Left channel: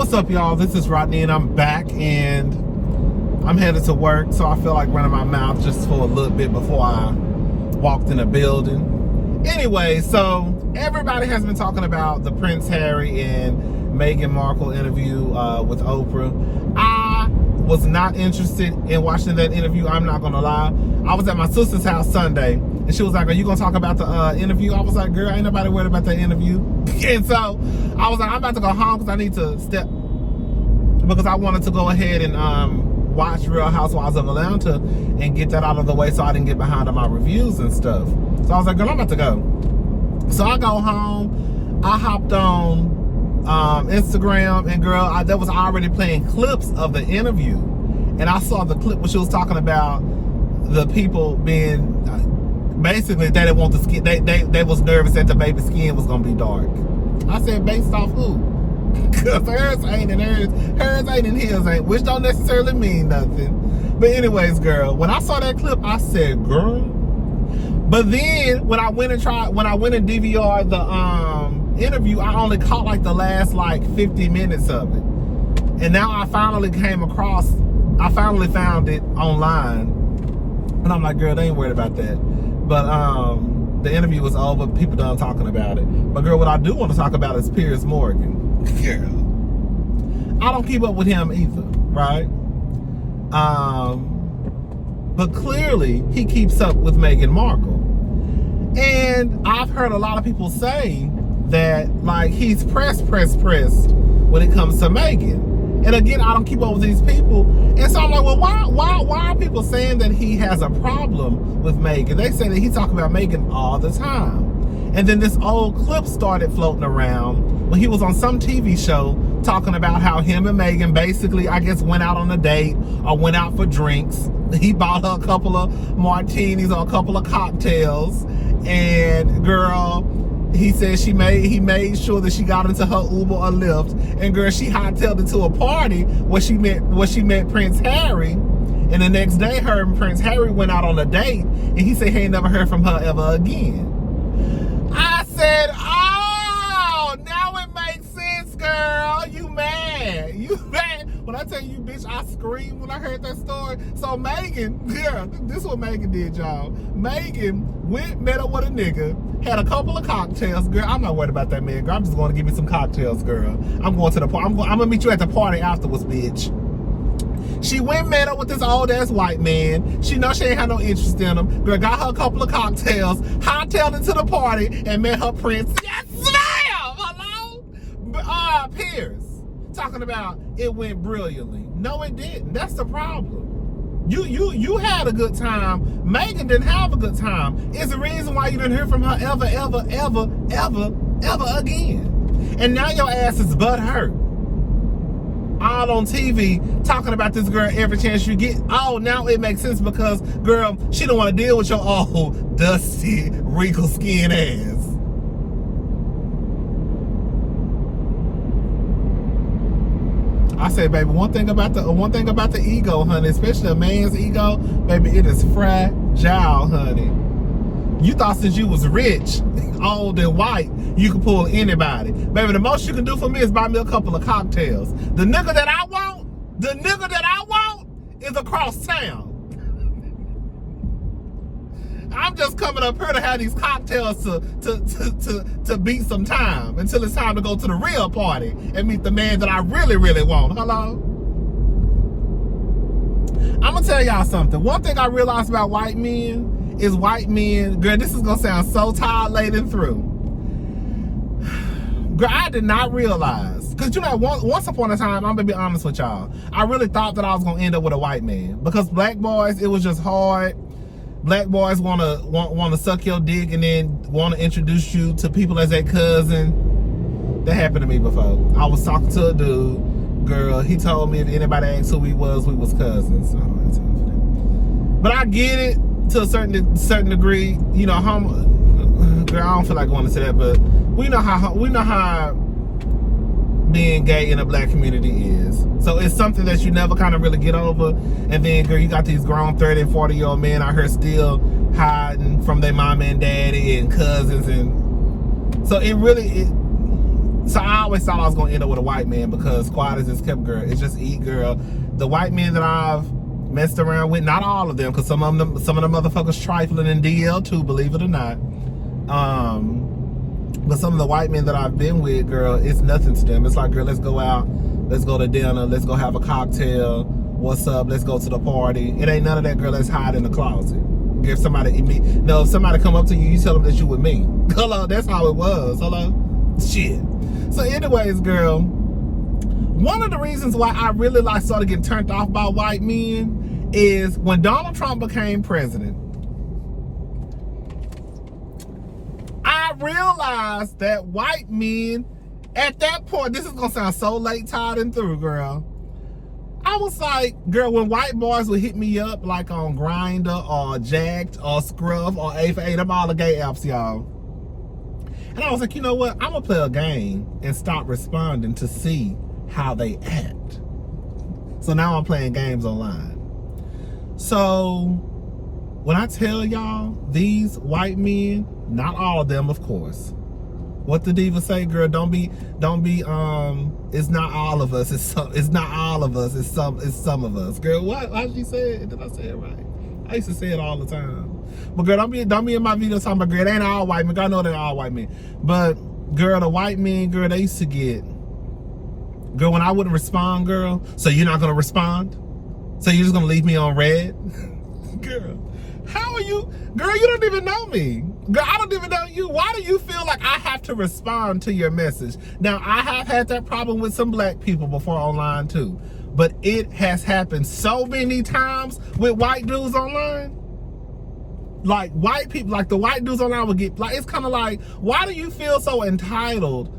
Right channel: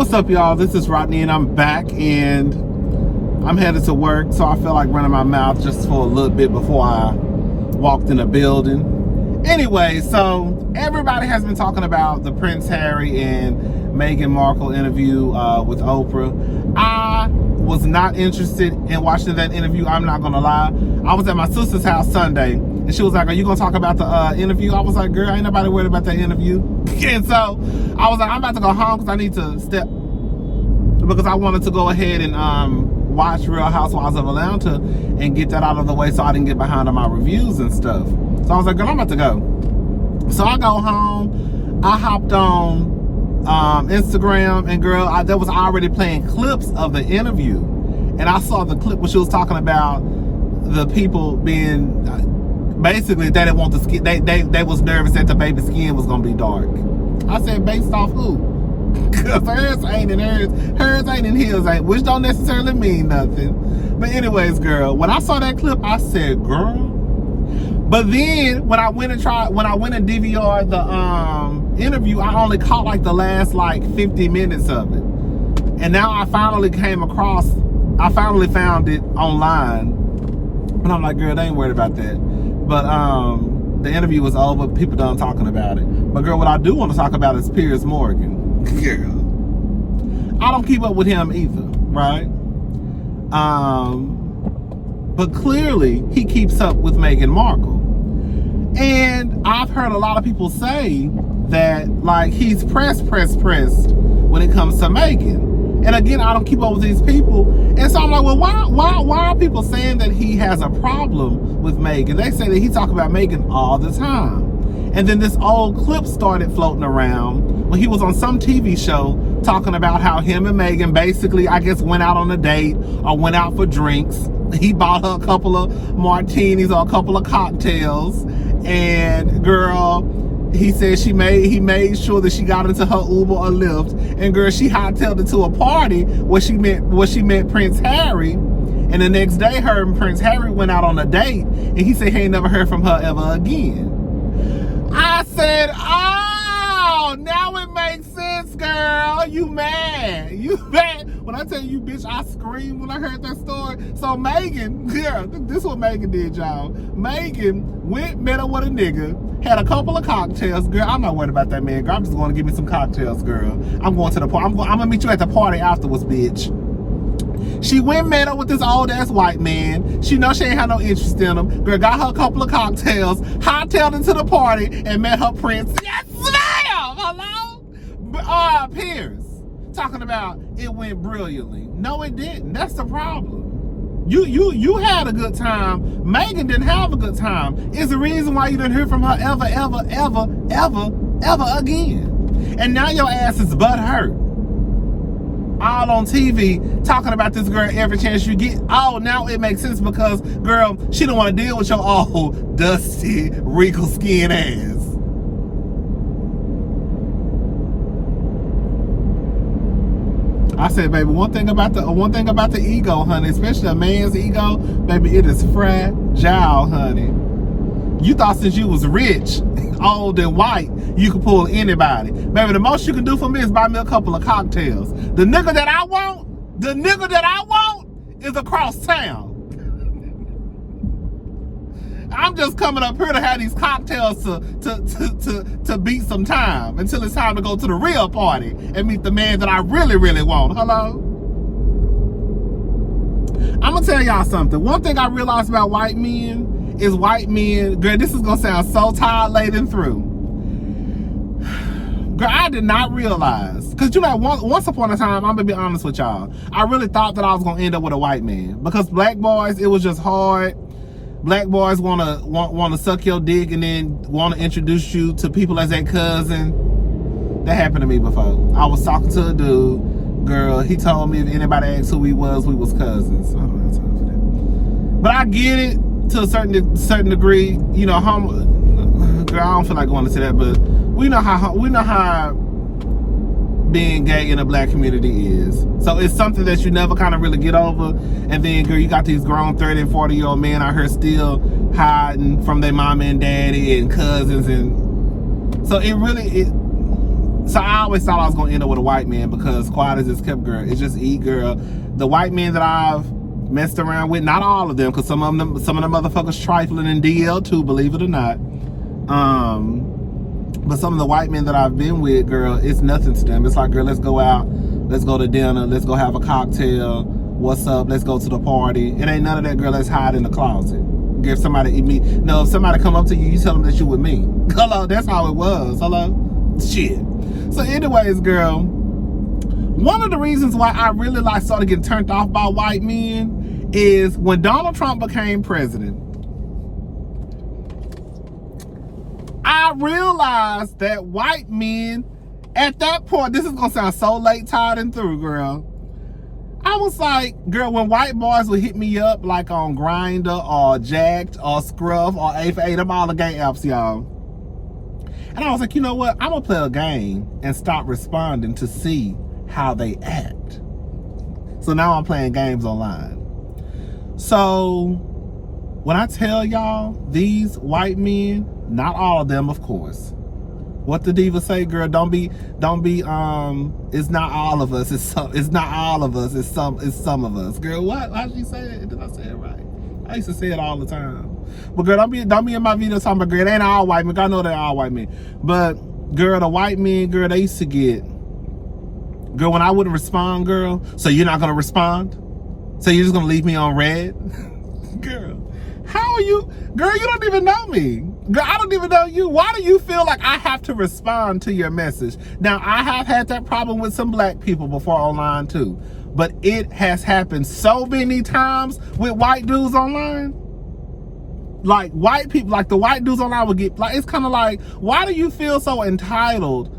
What's up, y'all? This is Rodney, and I'm back, and I'm headed to work, so I feel like running my mouth just for a little bit before I walked in a building. Anyway, so everybody has been talking about the Prince Harry and Meghan Markle interview with Oprah. I was not interested in watching that interview. I'm not gonna lie. I was at my sister's house Sunday, and she was like, "Are you gonna talk about the interview?" I was like, "Girl, ain't nobody worried about that interview." And so I was like, I'm about to go home because I need to because I wanted to go ahead and watch Real Housewives of Atlanta and get that out of the way so I didn't get behind on my reviews and stuff. So I was like, girl, I'm about to go. So I go home. I hopped on Instagram, and girl, they was already playing clips of the interview, and I saw the clip where she was talking about the people being basically they didn't want the skin. They was nervous that the baby's skin was gonna be dark. I said, based off who? Because hers ain't and hers ain't and his ain't, which don't necessarily mean nothing. But anyways, girl, when I saw that clip, I said, girl. But then when I went and DVR'd the interview, I only caught like the last 50 minutes of it. And now I finally found it online. And I'm like, girl, they ain't worried about that. But the interview was over, people done talking about it. But girl, what I do want to talk about is Piers Morgan. Girl, I don't keep up with him either, right? But clearly he keeps up with Meghan Markle. And I've heard a lot of people say that he's pressed when it comes to Meghan. And again, I don't keep up with these people. And so I'm like, well, why are people saying that he has a problem with Meghan? They say that he talks about Meghan all the time. And then this old clip started floating around when he was on some TV show talking about how him and Meghan basically, I guess, went out on a date or went out for drinks. He bought her a couple of martinis or a couple of cocktails. And girl, he said he made sure that she got into her Uber or Lyft. And girl, she hightailed it to a party where she met Prince Harry. And the next day, her and Prince Harry went out on a date. And he said he ain't never heard from her ever again. I said, oh, now it makes sense, girl. You mad. When I tell you, bitch, I screamed when I heard that story. So Meghan, yeah, this is what Meghan did, y'all. Meghan met up with a nigga, had a couple of cocktails. Girl, I'm not worried about that man, girl. I'm just going to give me some cocktails, girl. I'm going to the party. I'm going to meet you at the party afterwards, bitch. She went met up with this old ass white man. She know she ain't had no interest in him. Girl, got her a couple of cocktails, hightailed into the party, and met her prince. Yes, ma'am! Hello? Piers, talking about it went brilliantly. No, it didn't. That's the problem. You had a good time. Meghan didn't have a good time. It's the reason why you didn't hear from her ever again. And now your ass is butthurt. All on TV talking about this girl every chance you get. Oh, now it makes sense because, girl, she don't want to deal with your old, dusty, wrinkle skin ass. I say, baby, one thing about the ego, honey, especially a man's ego, baby, it is fragile, honey. You thought since you was rich, old and white, you could pull anybody. Baby, the most you can do for me is buy me a couple of cocktails. The nigga that I want is across town. I'm just coming up here to have these cocktails to beat some time until it's time to go to the real party and meet the man that I really, really want. Hello? I'm gonna tell y'all something. One thing I realized about white men is girl, this is gonna sound so tired laden through. Girl, I did not realize, because once upon a time, I'm gonna be honest with y'all, I really thought that I was gonna end up with a white man, because black boys, it was just hard. Black boys want to suck your dick and then want to introduce you to people as their cousin. That happened to me before. I was talking to a dude, girl, he told me if anybody asked who we was cousins. But I get it to a certain degree, you know, girl, I don't feel like going into that, but we know how being gay in the black community is. So it's something that you never kind of really get over. And then, girl, you got these grown 30 and 40-year-old men out here still hiding from their mama and daddy and cousins. And so So I always thought I was gonna end up with a white man because quiet as it's kept, girl. It's just eat, girl. The white men that I've messed around with, not all of them, because some of them motherfuckers trifling in DL too, believe it or not. But some of the white men that I've been with, girl, it's nothing to them. It's like, girl, let's go out, let's go to dinner, let's go have a cocktail. What's up? Let's go to the party. It ain't none of that, girl. Let's hide in the closet. If somebody if somebody come up to you, you tell them that you with me. Hello, that's how it was. Hello, shit. So, anyways, girl, one of the reasons why I really started getting turned off by white men is when Donald Trump became president. I realized that white men, at that point, this is gonna sound so late, tired, and through, girl. I was like, girl, when white boys would hit me up like on Grindr or Jacked or Scruff or A4A, them all the gay apps, y'all. And I was like, you know what? I'm gonna play a game and stop responding to see how they act. So now I'm playing games online. So when I tell y'all, these white men, not all of them, of course. What the diva say, girl? Don't be. It's not all of us. It's not all of us. It's some of us, girl. What? How she say it? Did I say it right? I used to say it all the time. But girl, don't be in my video talking about, girl, it ain't all white men. I know they're all white men. But girl, the white men, girl, they used to get, girl, when I wouldn't respond, girl, so you're not gonna respond? So you're just gonna leave me on red? Girl, how are you? Girl, you don't even know me. Girl, I don't even know you. Why do you feel like I have to respond to your message? Now, I have had that problem with some black people before online too. But it has happened so many times with white dudes online. Like white people, like the white dudes online would get, like, it's kind of like, why do you feel so entitled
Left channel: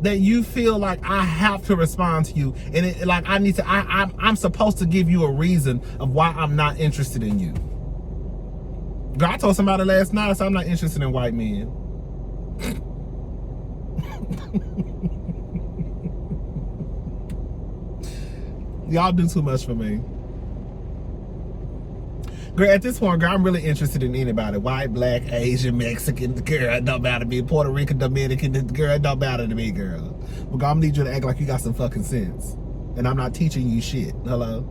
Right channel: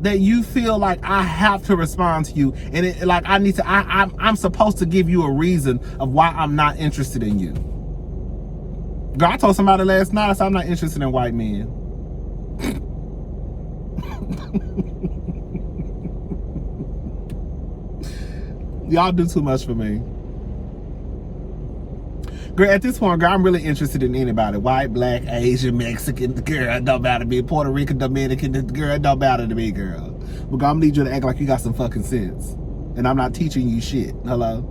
that you feel like I have to respond to you? And it, like, I'm supposed to give you a reason of why I'm not interested in you. Girl, I told somebody last night, I said, I'm not interested in white men. Y'all do too much for me. Girl, at this point, girl, I'm really interested in anybody. White, black, Asian, Mexican, girl, it don't matter to me. Puerto Rican, Dominican, girl, it don't matter to me, girl. But girl, I'm gonna need you to act like you got some fucking sense. And I'm not teaching you shit. Hello?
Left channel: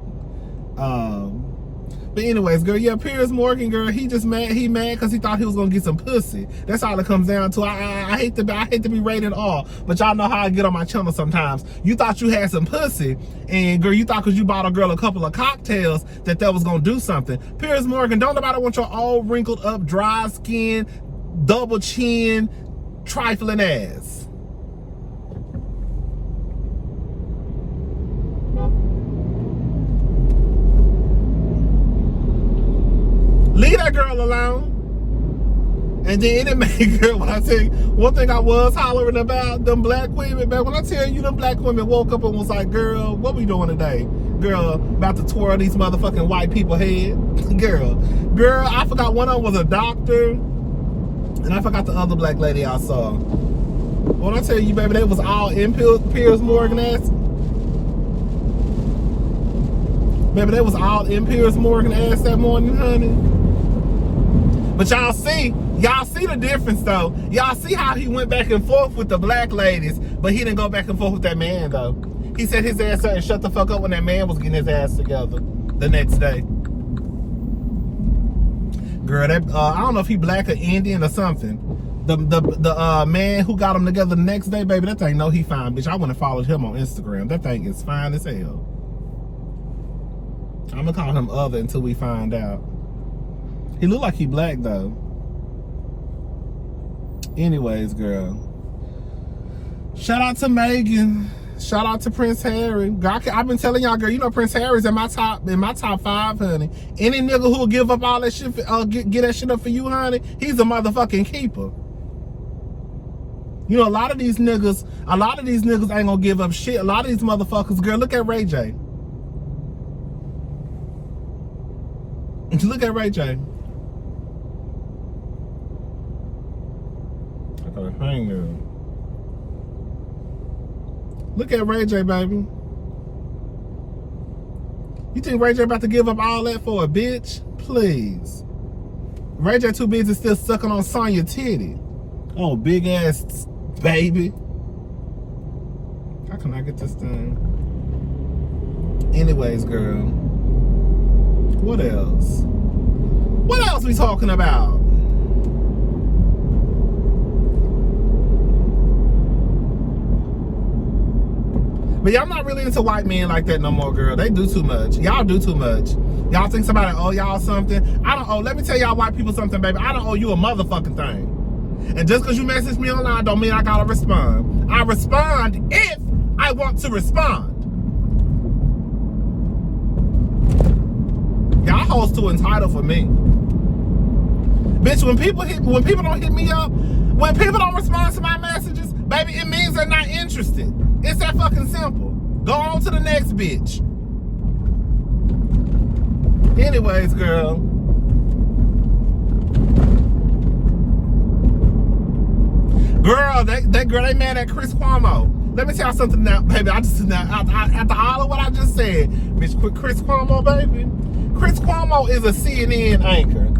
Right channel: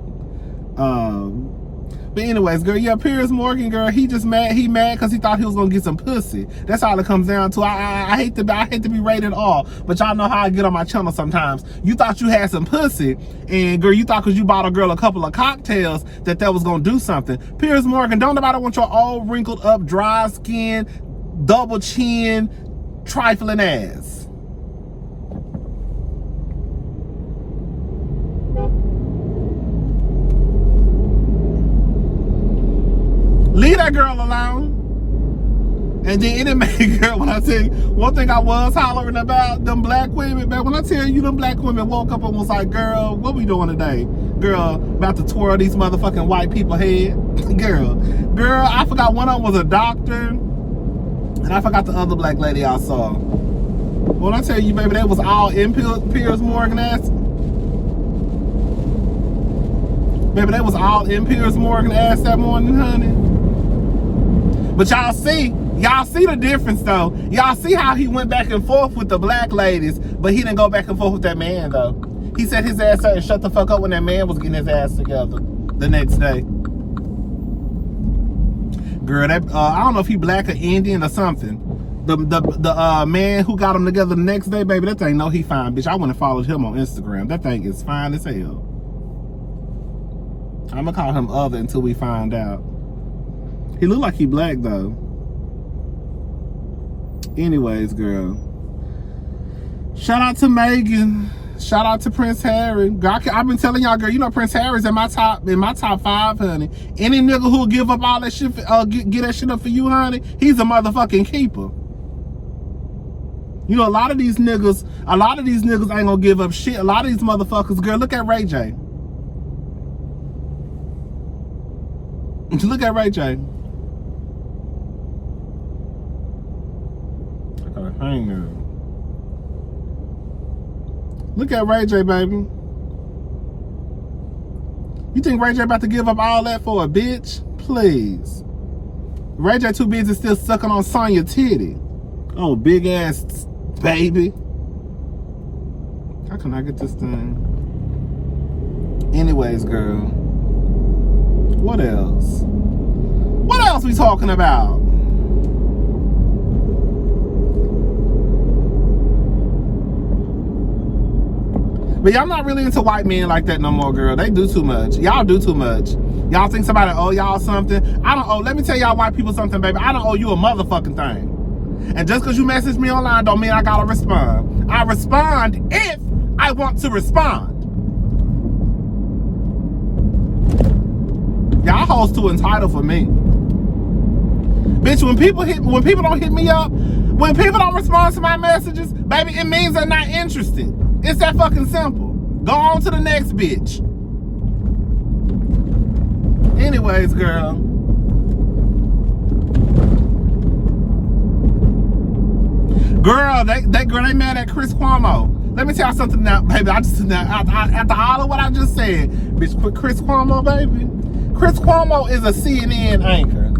But anyways, girl, yeah, Piers Morgan, girl, he mad because he thought he was gonna get some pussy. That's all it comes down to. I hate to be rated all, but y'all know how I get on my channel sometimes. You thought you had some pussy, and girl, you thought because you bought a girl a couple of cocktails that was gonna do something. Piers Morgan, don't nobody want your old wrinkled up, dry skin, double chin, trifling ass. Leave that girl alone. And then it made, girl, when I tell you, one thing I was hollering about, them black women, man, when I tell you them black women woke up and was like, girl, what we doing today? Girl, about to twirl these motherfucking white people head. Girl, I forgot one of them was a doctor, and I forgot the other black lady I saw. When I tell you, baby, they was all in Piers Morgan ass. Baby, they was all in Piers Morgan ass that morning, honey. But y'all see the difference though. Y'all see how he went back and forth with the black ladies, but he didn't go back and forth with that man though. He set his ass up and shut the fuck up when that man was getting his ass together the next day. Girl, that I don't know if he black or Indian or something. The man who got him together the next day, baby, that thing, no, he fine, bitch. I wouldn't have followed him on Instagram. That thing is fine as hell. I'm gonna call him other until we find out. He look like he black though. Anyways, girl. Shout out to Megan. Shout out to Prince Harry. Girl, I've been telling y'all, girl, you know Prince Harry's in my top 5, honey. Any nigga who'll give up all that shit, get that shit up for you, honey, he's a motherfucking keeper. You know, a lot of these niggas ain't gonna give up shit. A lot of these motherfuckers, girl, look at Ray J. Look at Ray J. I gotta hang her. Look at Ray J, baby. You think Ray J about to give up all that for a bitch? Please. Ray J too busy still sucking on Sonya titty. Oh, big ass baby. How can I get this thing? Anyways, girl. What else? What else we talking about? But y'all not really into white men like that no more, girl. They do too much. Y'all do too much. Y'all think somebody owe y'all something. I don't owe. Let me tell y'all white people something, baby. I don't owe you a motherfucking thing. And just because you message me online don't mean I gotta respond. I respond if I want to respond. Y'all hoes too entitled for me. Bitch, when people don't hit me up, when people don't respond to my messages, baby, it means they're not interested. It's that fucking simple. Go on to the next bitch. Anyways, girl. Girl, they mad at Chris Cuomo. Let me tell you something now, baby. After all of what I just said, bitch, Chris Cuomo, baby. Chris Cuomo is a CNN anchor.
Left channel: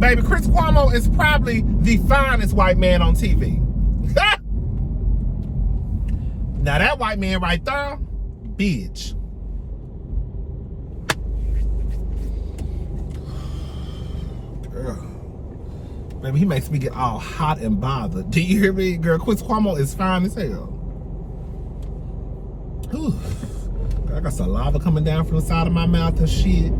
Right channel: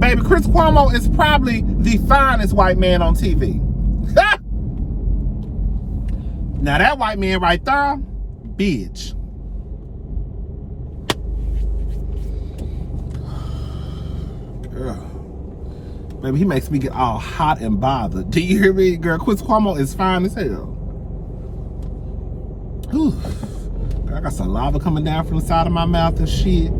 Baby, Chris Cuomo is probably the finest white man on TV. Now that white man right there, bitch. Girl. Baby, he makes me get all hot and bothered. Do you hear me? Girl, Chris Cuomo is fine as hell. Whew. I got saliva coming down from the side of my mouth and shit.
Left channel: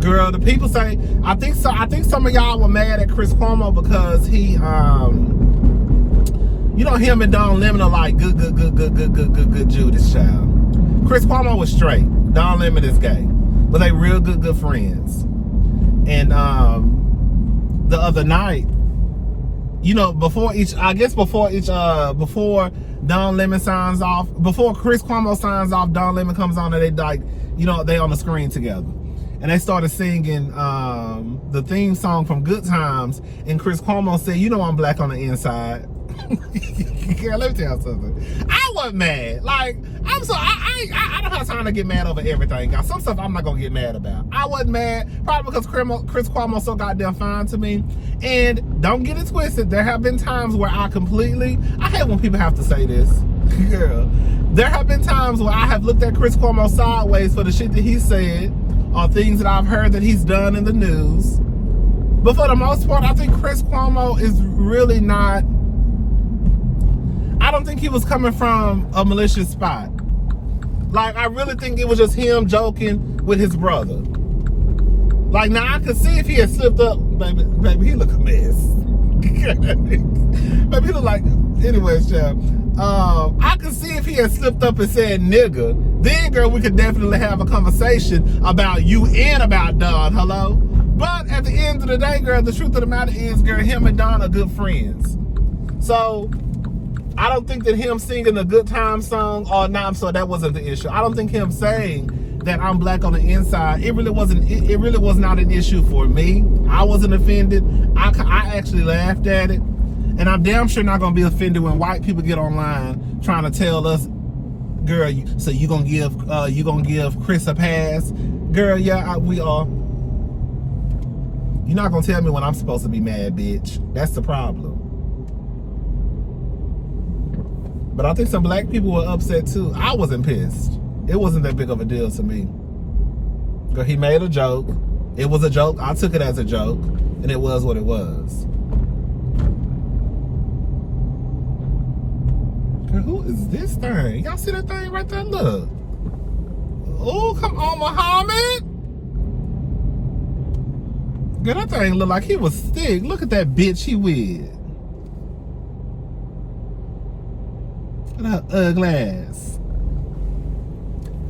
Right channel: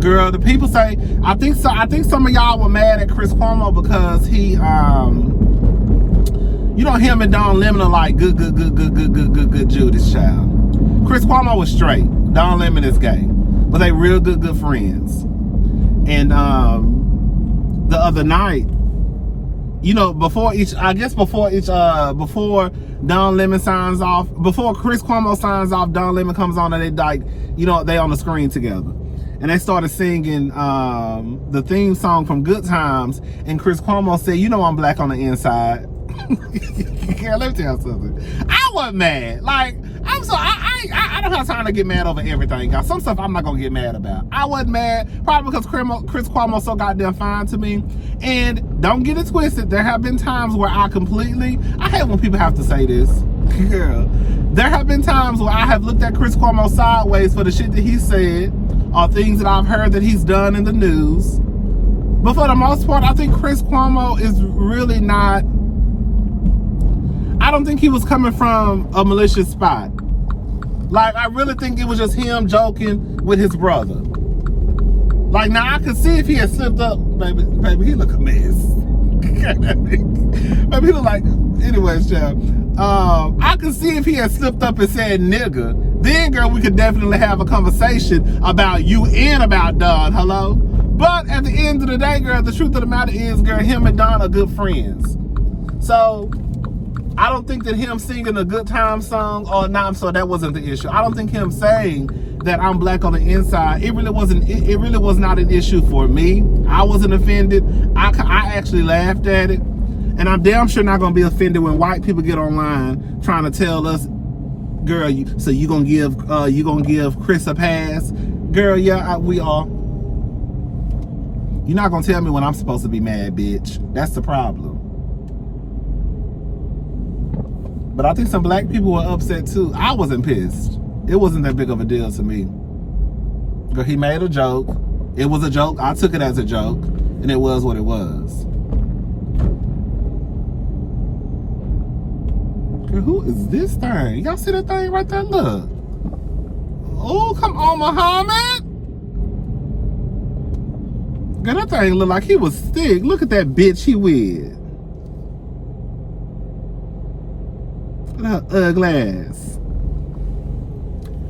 Girl, the people say, I think some of y'all were mad at Chris Cuomo because he, you know, him and Don Lemon are like good Judas child. Chris Cuomo was straight. Don Lemon is gay. But they real good friends. And the other night, you know, before Don Lemon signs off, before Chris Cuomo signs off, Don Lemon comes on and they like, you know, they on the screen together. And they started singing the theme song from Good Times. And Chris Cuomo said, you know I'm black on the inside. Girl, let me tell you something. I wasn't mad. Like, I don't have time to get mad over everything, guys. Some stuff I'm not gonna get mad about. I wasn't mad, probably because Chris Cuomo's so goddamn fine to me. And don't get it twisted, there have been times where I hate when people have to say this. Girl, there have been times where I have looked at Chris Cuomo sideways for the shit that he said or things that I've heard that he's done in the news. But for the most part, I think Chris Cuomo is really not, I don't think he was coming from a malicious spot. Like, I really think it was just him joking with his brother. Like, now I could see if he had slipped up, baby, he look a mess. Baby, he look like, anyways, child. I could see if he had slipped up and said nigga, then, girl, we could definitely have a conversation about you and about Don, hello? But at the end of the day, girl, the truth of the matter is, girl, him and Don are good friends. So, I don't think that him singing a Good Time song, or not, so that wasn't the issue. I don't think him saying that I'm black on the inside, it really was not an issue for me. I wasn't offended. I actually laughed at it. And I'm damn sure not gonna be offended when white people get online trying to tell us, girl, so you gonna give Chris a pass? Girl, yeah, we are. You're not gonna tell me when I'm supposed to be mad, bitch. That's the problem. But I think some black people were upset too. I wasn't pissed. It wasn't that big of a deal to me. Girl, he made a joke. It was a joke. I took it as a joke. And it was what it was. Girl, who is this thing? Y'all see that thing right there? Look. Oh, come on, Muhammad. Girl, that thing look like he was thick. Look at that bitch he with. Look, ugly ass.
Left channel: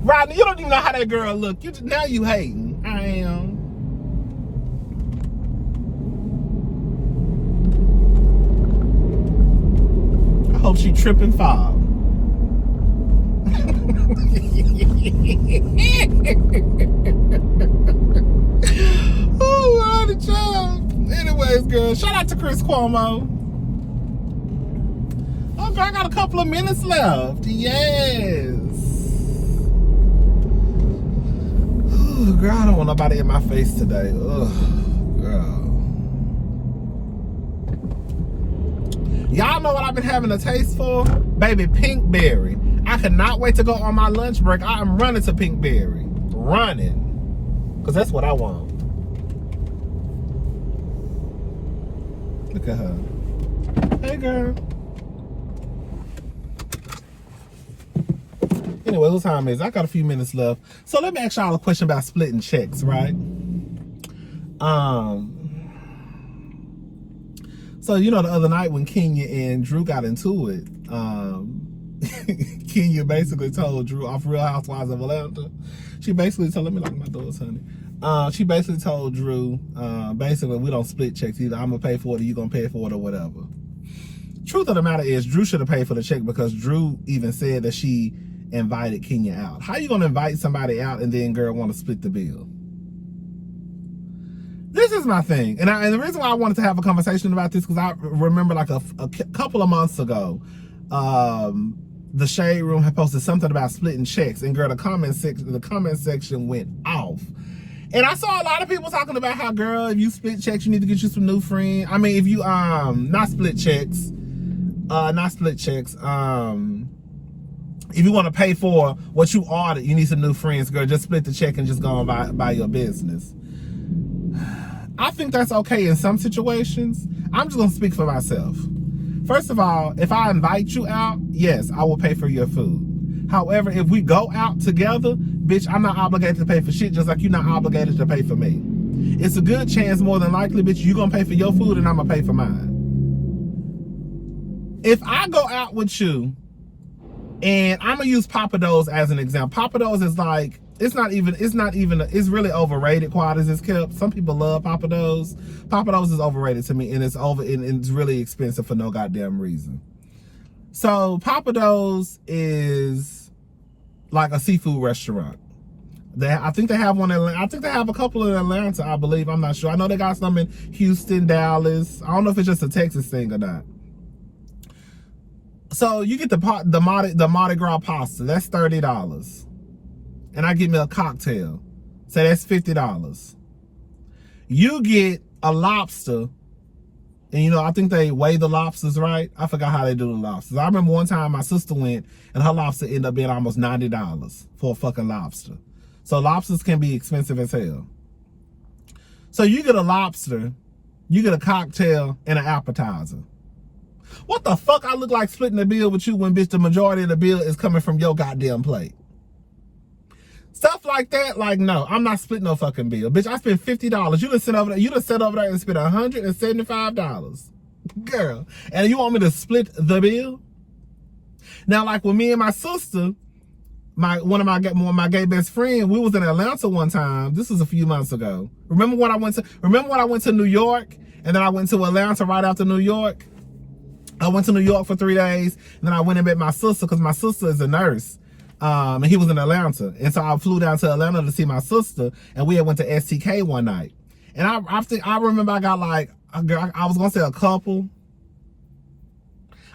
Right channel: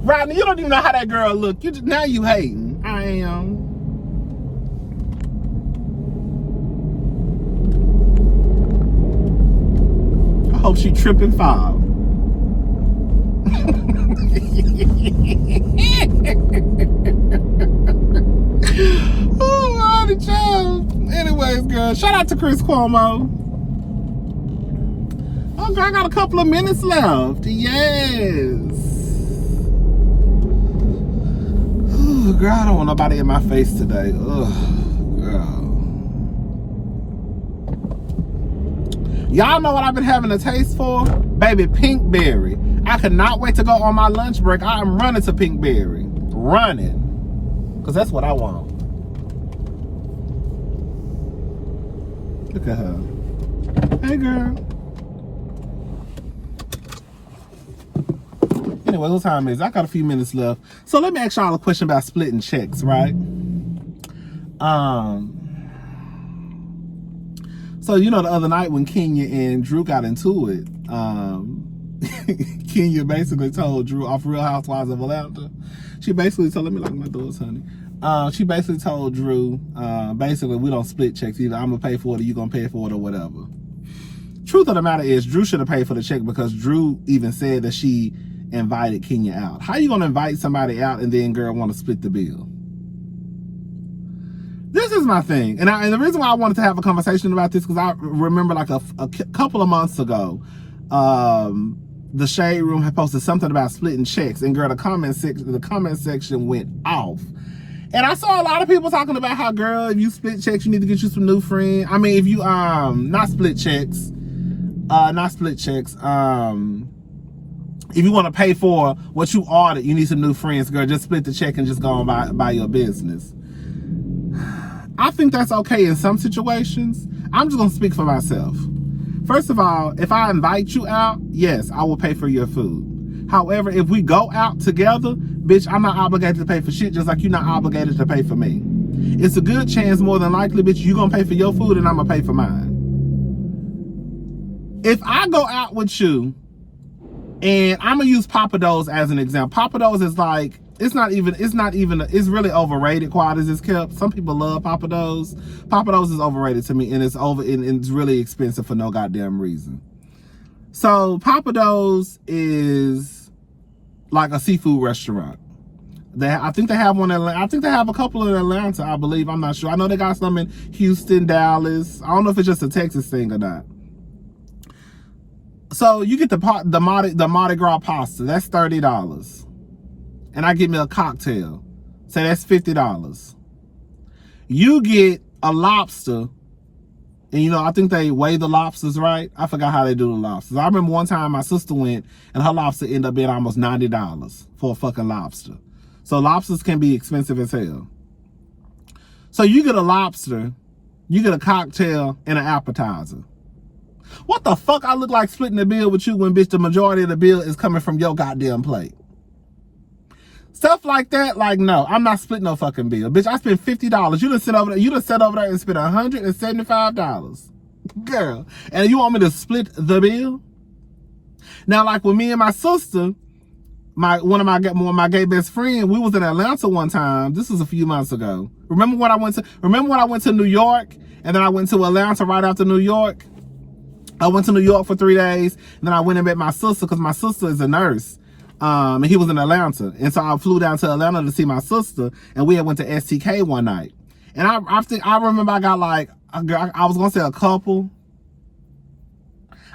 Rodney, you don't even know how that girl look. Now you hating. I am. I hope she trip and fall. Oh, Rodney, child. Anyways, girl, shout out to Chris Cuomo. Oh, girl, I got a couple of minutes left. Yes. Ooh, girl, I don't want nobody in my face today. Ugh, girl. Y'all know what I've been having a taste for? Baby, Pinkberry. I cannot wait to go on my lunch break. I am running to Pinkberry. Running. Because that's what I want. Look at her. Hey, girl. Anyway, what time is it? I got a few minutes left. So let me ask y'all a question about splitting checks, right? So you know the other night when Kenya and Drew got into it, Kenya basically told Drew off Real Housewives of Atlanta. She basically told, let me lock my doors, honey. She basically told Drew, basically we don't split checks either. I'm gonna pay for it or you gonna pay for it or whatever. Truth of the matter is Drew should have paid for the check because Drew even said that she invited Kenya out. How you gonna invite somebody out and then girl want to split the bill? This is my thing, and the reason why I wanted to have a conversation about this because I remember like a couple of months ago, the Shade Room had posted something about splitting checks, and girl, the comment section went off, and I saw a lot of people talking about how girl, if you split checks, you need to get you some new friends. I mean, if you not split checks. If you want to pay for what you ordered, you need some new friends, girl. Just split the check and just go on by your business. I think that's okay in some situations. I'm just gonna speak for myself. First of all, if I invite you out, yes, I will pay for your food. However, if we go out together, bitch, I'm not obligated to pay for shit, just like you're not obligated to pay for me. It's a good chance, more than likely, bitch, you gonna pay for your food and I'm gonna pay for mine. If I go out with you, and I'm gonna use Papa Do's as an example. Papa Do's is like, it's really overrated, quiet as it's kept. Some people love Papa Do's. Papa Do's is overrated to me, and it's really expensive for no goddamn reason. So Papa Do's is like a seafood restaurant. I think they have one in Atlanta. I think they have a couple in Atlanta, I believe. I'm not sure. I know they got some in Houston, Dallas. I don't know if it's just a Texas thing or not. So you get the Mardi Gras pasta. That's $30. And I get me a cocktail. Say that's $50. You get a lobster. And you know, I think they weigh the lobsters, right? I forgot how they do the lobsters. I remember one time my sister went and her lobster ended up being almost $90 for a fucking lobster. So lobsters can be expensive as hell. So you get a lobster, you get a cocktail, and an appetizer. What the fuck I look like splitting the bill with you when, bitch, the majority of the bill is coming from your goddamn plate? Stuff like that, like, no, I'm not splitting no fucking bill. Bitch, I spent $50. You just sit over there and spent $175. Girl, and you want me to split the bill? Now, like with me and my sister, one of my gay best friend, we was in Atlanta one time. This was a few months ago. Remember when I went to New York, and then I went to Atlanta right after New York? I went to New York for 3 days, and then I went and met my sister, because my sister is a nurse. And he was in Atlanta. And so I flew down to Atlanta to see my sister, and we had went to STK one night. And I remember I got like, I was gonna say a couple.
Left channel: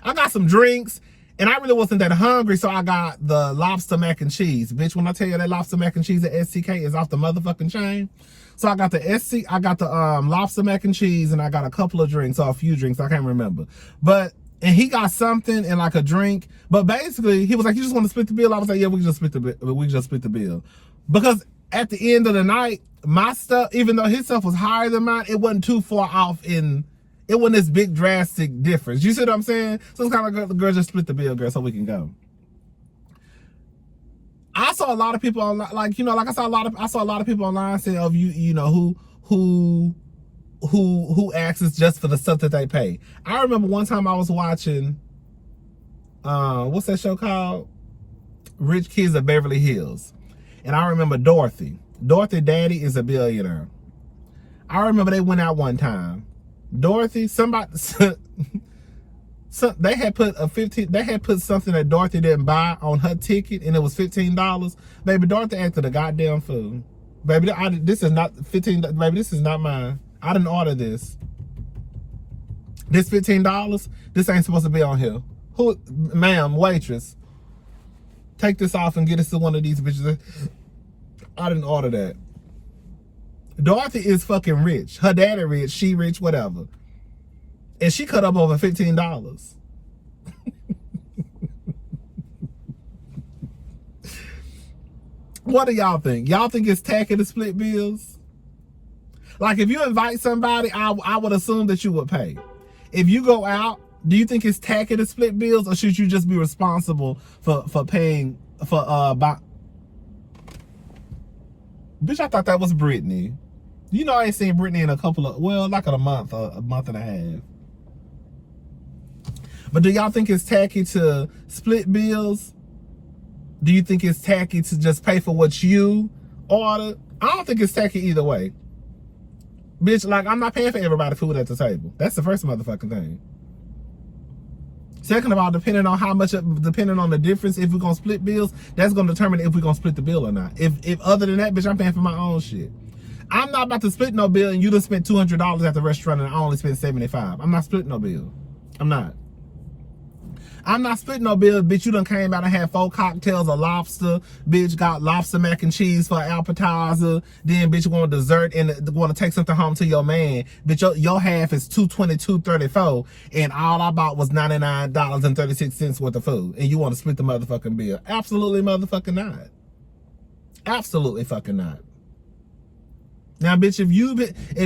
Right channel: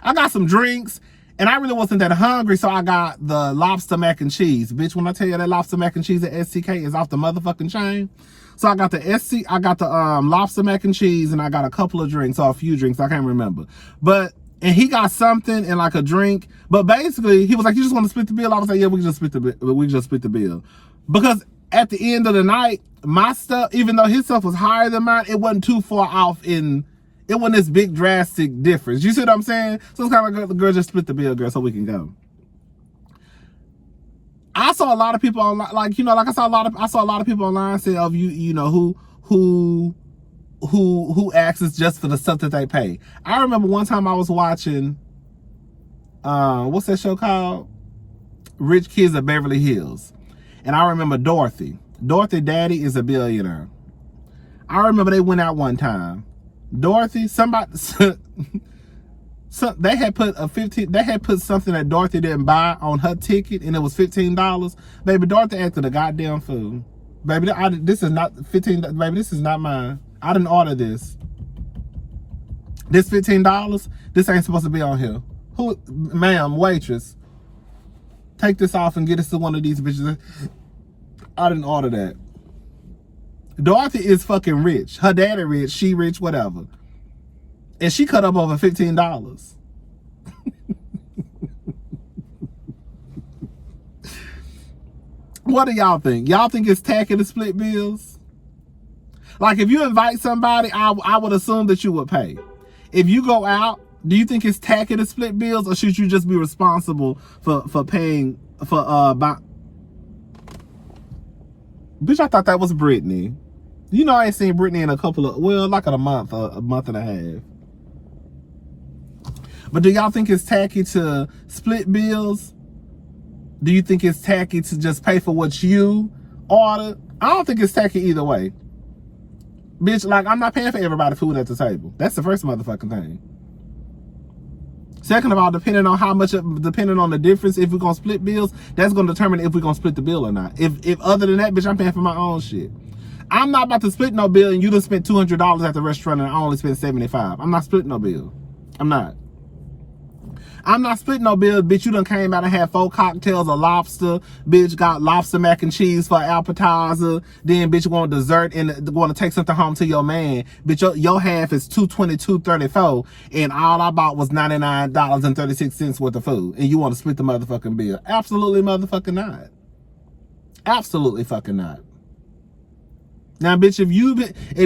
I got some drinks, and I really wasn't that hungry, so I got the lobster mac and cheese. Bitch, when I tell you that lobster mac and cheese at STK is off the motherfucking chain. So I got the lobster mac and cheese, and I got a couple of drinks, or a few drinks, I can't remember. And he got something and like a drink. But basically, he was like, "You just want to split the bill?" I was like, "Yeah, we just split the bill." Because at the end of the night, my stuff, even though his stuff was higher than mine, it wasn't too far off it wasn't this big drastic difference. You see what I'm saying? So it's kind of like, girl, just split the bill, girl, so we can go. I saw a lot of people online, I saw a lot of people online saying, "Oh, you know who asks just for the stuff that they pay." I remember one time I was watching, what's that show called? Rich Kids of Beverly Hills. And I remember Dorothy. Dorothy daddy is a billionaire. I remember they went out one time. Dorothy, they had put something that Dorothy didn't buy on her ticket, and it was $15. Baby, Dorothy acted a goddamn fool. Baby, this is not $15. Baby, this is not mine. I didn't order this. This $15, this ain't supposed to be on here. Who, ma'am, waitress, take this off and get us to one of these bitches. I didn't order that. Dorothy is fucking rich. Her daddy rich, she rich, whatever. And she cut up over $15. What do y'all think? Y'all think it's tacky to split bills? Like, if you invite somebody, I would assume that you would pay. If you go out, do you think it's tacky to split bills, or should you just be responsible for paying for Bitch, I thought that was Brittany. You know, I ain't seen Brittany in like a month and a half. But do y'all think it's tacky to split bills? Do you think it's tacky to just pay for what you ordered? I don't think it's tacky either way. Bitch, like, I'm not paying for everybody's food at the table. That's the first motherfucking thing. Second of all, depending on the difference, if we're gonna split bills, that's gonna determine if we're gonna split the bill or not. If other than that, bitch, I'm paying for my own shit. I'm not about to split no bill and you done spent $200 at the restaurant and I only spent $75. I'm not splitting no bill. I'm not splitting no bill, bitch. You done came out and had 4 cocktails of lobster. Bitch got lobster mac and cheese for appetizer. Then bitch want dessert and want to take something home to your man. Bitch, your half is $222.34, and all I bought was $99.36 worth of food. And you want to split the motherfucking bill? Absolutely motherfucking not. Absolutely fucking not. Now, bitch, if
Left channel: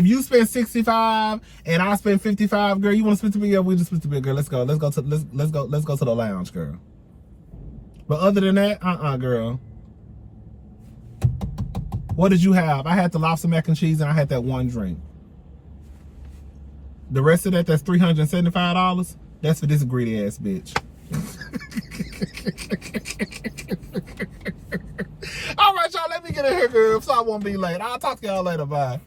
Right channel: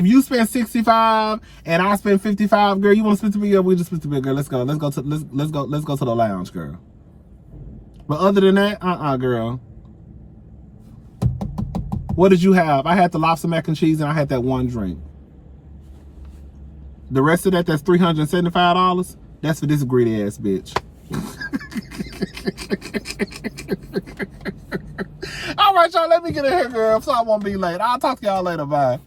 you spend 65 and I spend 55, girl, you want to split the bill? Yeah, we just split the bill, girl. Let's go to the lounge, girl. But other than that, girl. What did you have? I had the lobster mac and cheese and I had that one drink. The rest of that's $375. That's for this greedy ass bitch. All right, y'all, let me get in here, girl, so I won't be late. I'll talk to y'all later. Bye.